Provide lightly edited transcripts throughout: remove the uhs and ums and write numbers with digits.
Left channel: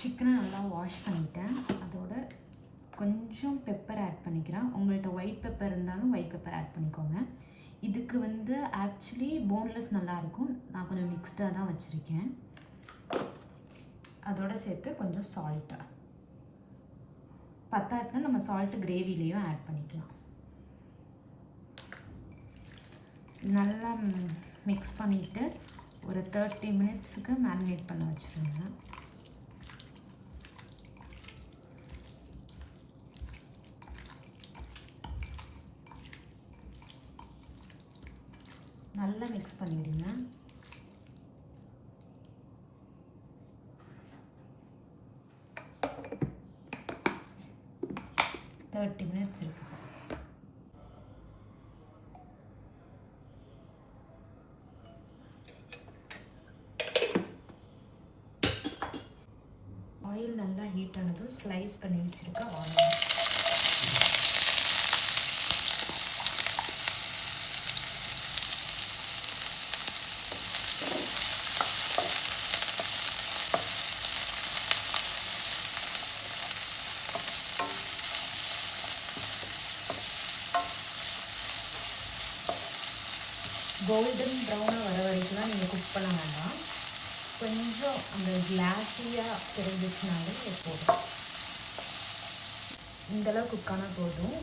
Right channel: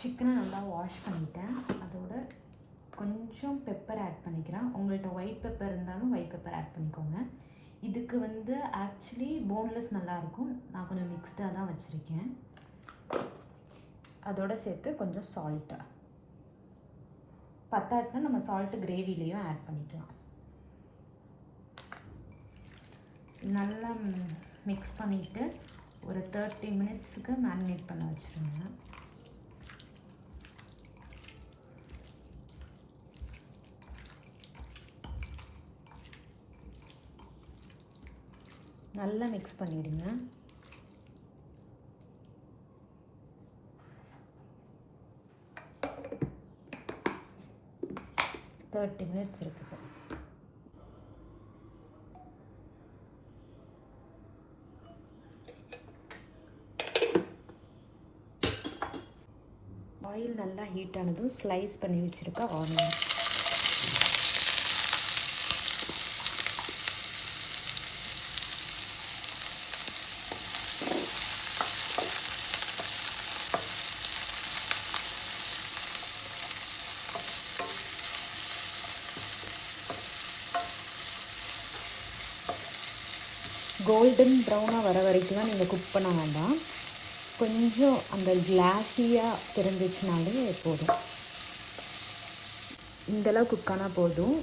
சிக்கனை நல்லா வாஷ் பண்ணிட்டேன். அதோட கொஞ்சம் பெப்பர் ஆட் பண்ணிக்கிறேன். உங்கள்கிட்ட ஒயிட் பெப்பர் இருந்தாலும் ஒயிட் பெப்பர் ஆட் பண்ணிக்கோங்க. இதுக்கு வந்து ஆக்சுவலி போன்லெஸ் நல்லாயிருக்கும். நான் கொஞ்சம் மிக்ஸ்டாக தான் வச்சுருக்கேன். அதோடு சேர்த்து கொஞ்சம் சால்ட்டு பத்தாட்டினா நம்ம சால்ட்டு கிரேவிலையும் ஆட் பண்ணிக்கலாம். நல்லா மிக்ஸ் பண்ணிவிட்டு ஒரு 30 மினிட்ஸுக்கு மேரினேட் பண்ண வச்சுருங்க. நல்லா மிக்ஸ் பண்ணிவிடுங்க. தேர்ட்டி மினிட்ஸ் இருக்கு. ஆயில் நல்லா ஹீட் ஆனதும் ஸ்லைஸ் பண்ணி வச்சுருக்க ஆனியன் கோல்டன் ப்ரௌனாக வர வரைக்கும் தான் நீங்கள் குக் பண்ண வேண்டாம். கொஞ்சம் அந்த கிளாஸியாக தெரிஞ்சிச்சுனாலே போதும். இந்தளவு குக் ஆனால் போதும்.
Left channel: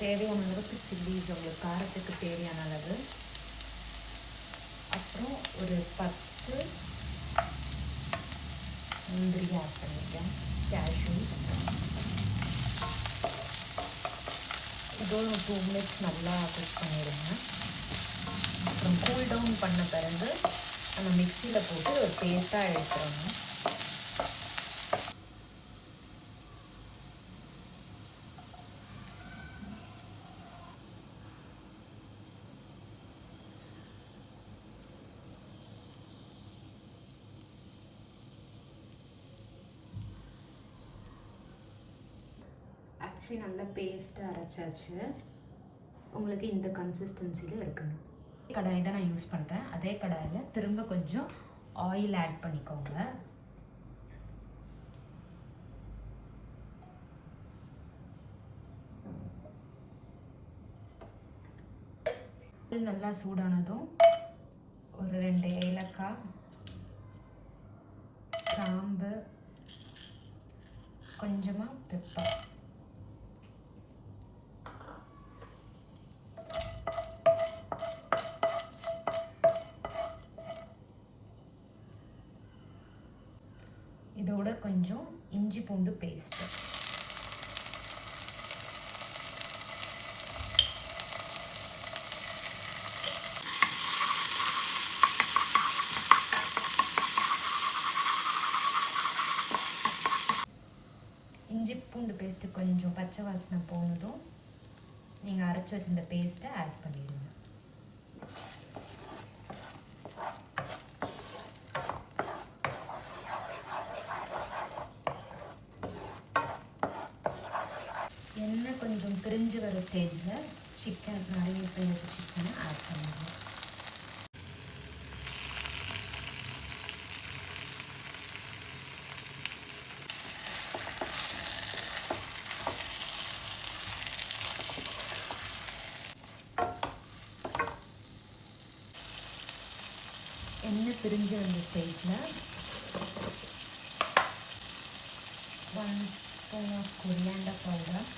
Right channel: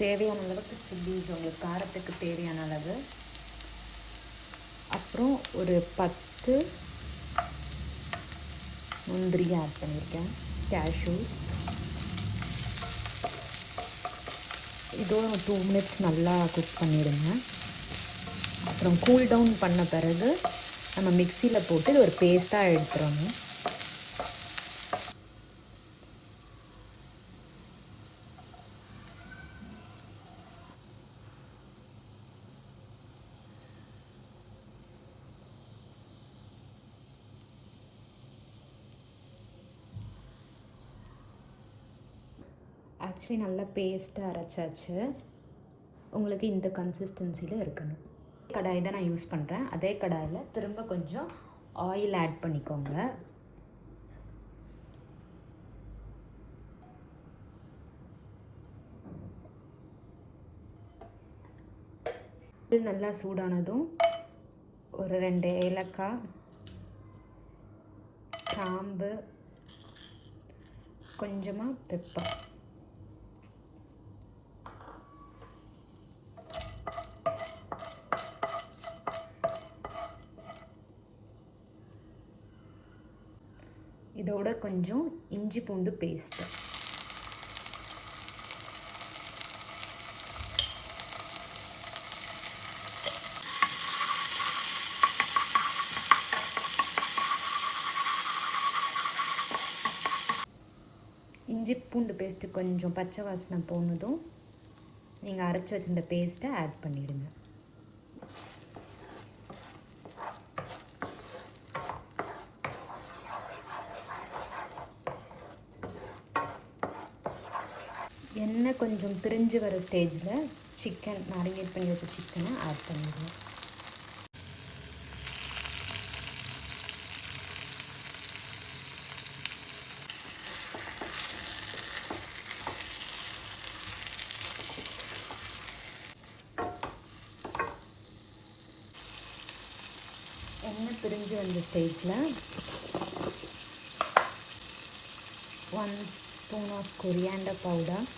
தேவையான அளவுக்கு சில்லிஸ் உங்களுக்கு காரத்துக்கு தேவையான அளவு, அப்புறம் ஒரு 10 முந்திரி ஆட் பண்ணிவிட்டேன். கேஷ்யூ இதுவும் 2 மினிட்ஸ் நல்லா குக் பண்ணிவிடுங்க. அப்புறம் கூல் டவுன் பண்ண பிறகு நம்ம மிக்சியில் போட்டு ஒரு பேஸ்ட்டாக எடுத்துடணும். ஆக்சுவலி நல்லா பேஸ்ட்டாக அரைச்சாச்சு. உங்களுக்கு இந்த கன்சிஸ்டன்சியில் இருக்கணும். கடாய் தான் நான் யூஸ் பண்ணுறேன். அதே கடாயில் திரும்ப கொஞ்சம் ஆயில் ஆட் பண்ணிக்கோங்க. நல்லா சூடானதும் ஒரு 2 ஏலக்காய், கிராம்பு, கொஞ்சமாக பெப்பர், இதோட கொஞ்சம் இஞ்சி பூண்டு பேஸ்ட்டு, இஞ்சி பூண்டு பேஸ்ட்டு கொஞ்சம் பச்சை வாசனை போனதும் நீங்கள் அரைச்சி வச்சிருந்த பேஸ்ட்டை ஆட் பண்ணிடுங்க. எண்ணெய் கொஞ்சம் பிரிஞ்சு வர ஸ்டேஜில் சிக்கன் மேரினேட் பண்ணி வச்ச சிக்கனை ஆட் பண்ணிடுங்க. எண்ணெய் பிரிஞ்சு வந்த ஸ்டேஜில் 1 spoon of coriander powder,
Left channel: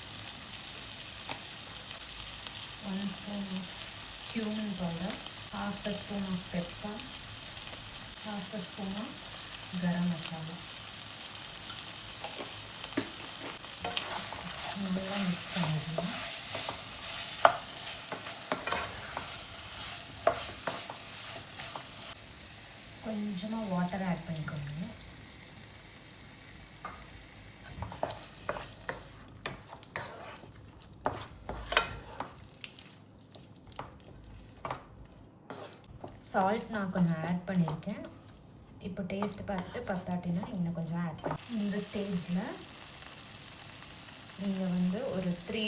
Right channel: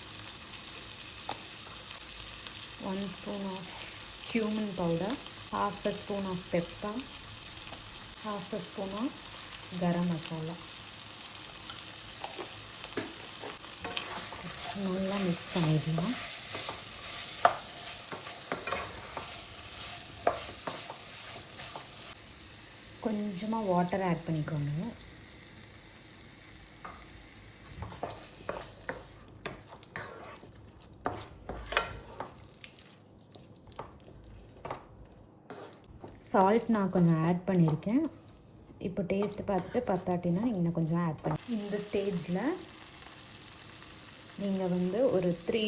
1 spoon of cumin powder, half a spoon of pepper, half a spoon of garam masala. நல்லா மிக்ஸ் பண்ணிடலாம். கொஞ்சமாக வாட்டர் ஆட் பண்ணிக்கோங்க. சால்ட் நான் கொஞ்சம் ஆட் பண்ணியிருக்கேன். இப்போ டேஸ்ட்டு பார்த்துட்டு பத்தாட்டினா இன்னும் கொஞ்சம் ஆட் பண்ணி இந்த ஸ்டேஜில் நீங்கள் வந்து ஒரு 3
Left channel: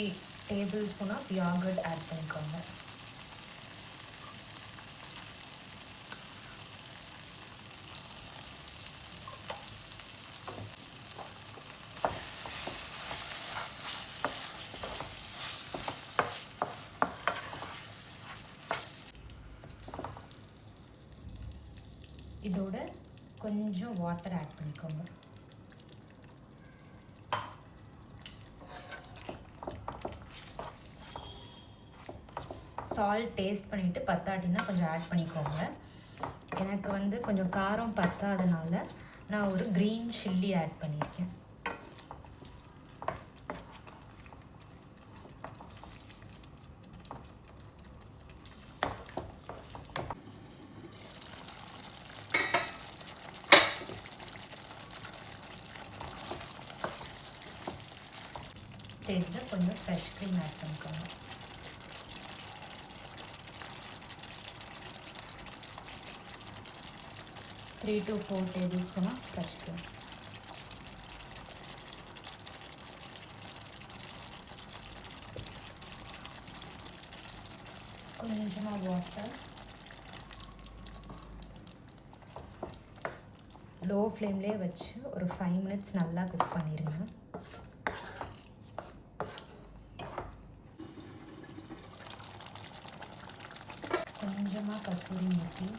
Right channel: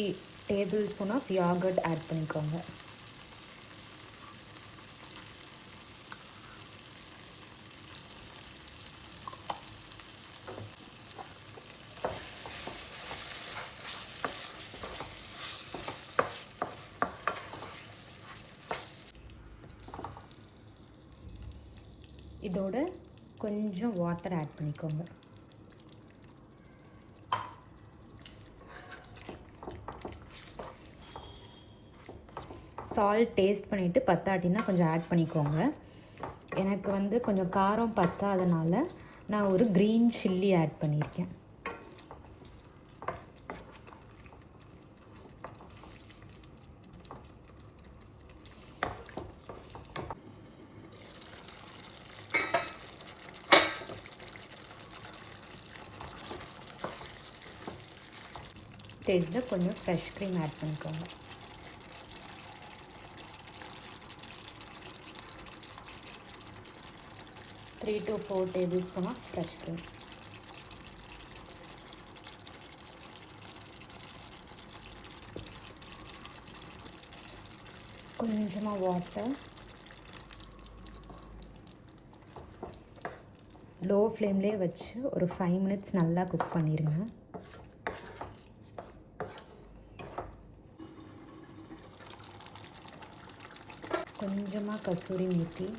table spoon of yogurt add பண்ணிக்கோங்க. இதோட கொஞ்சம் வாட்டர் ஆட் பண்ணிக்கோங்க. சால்ட் டேஸ்ட் பண்ணிவிட்டு பத்தாட்டினா கொஞ்சம் ஆட் பண்ணிக்கோங்க. எனக்கு வந்து கொஞ்சம் காரம் பத்தாதனால நான் ஒரு க்ரீன் சில்லி ஆட் பண்ணியிருக்கேன். டேஸ்ட்டில் கொஞ்சம் ஃப்ரெஷ் க்ரீம் ஆட் பண்ணிக்கோங்க. Three to 4 tablespoon fresh cream. கொஞ்சமாக வாட்டர். லோ ஃப்ளேம்லேயே வச்சு ஒரு 5 minutes நல்லா குக் பண்ணிடுங்க. கொஞ்சமாக கசூரி மேத்தி.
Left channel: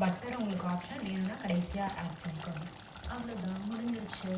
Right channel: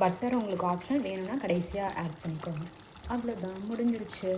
பட்டர் உங்களுக்கு ஆப்ஷனல், வேணும்னா கடைசியாக ஆட் பண்ணிக்கோங்க. அவ்வளோதான், முடிஞ்சிருச்சு.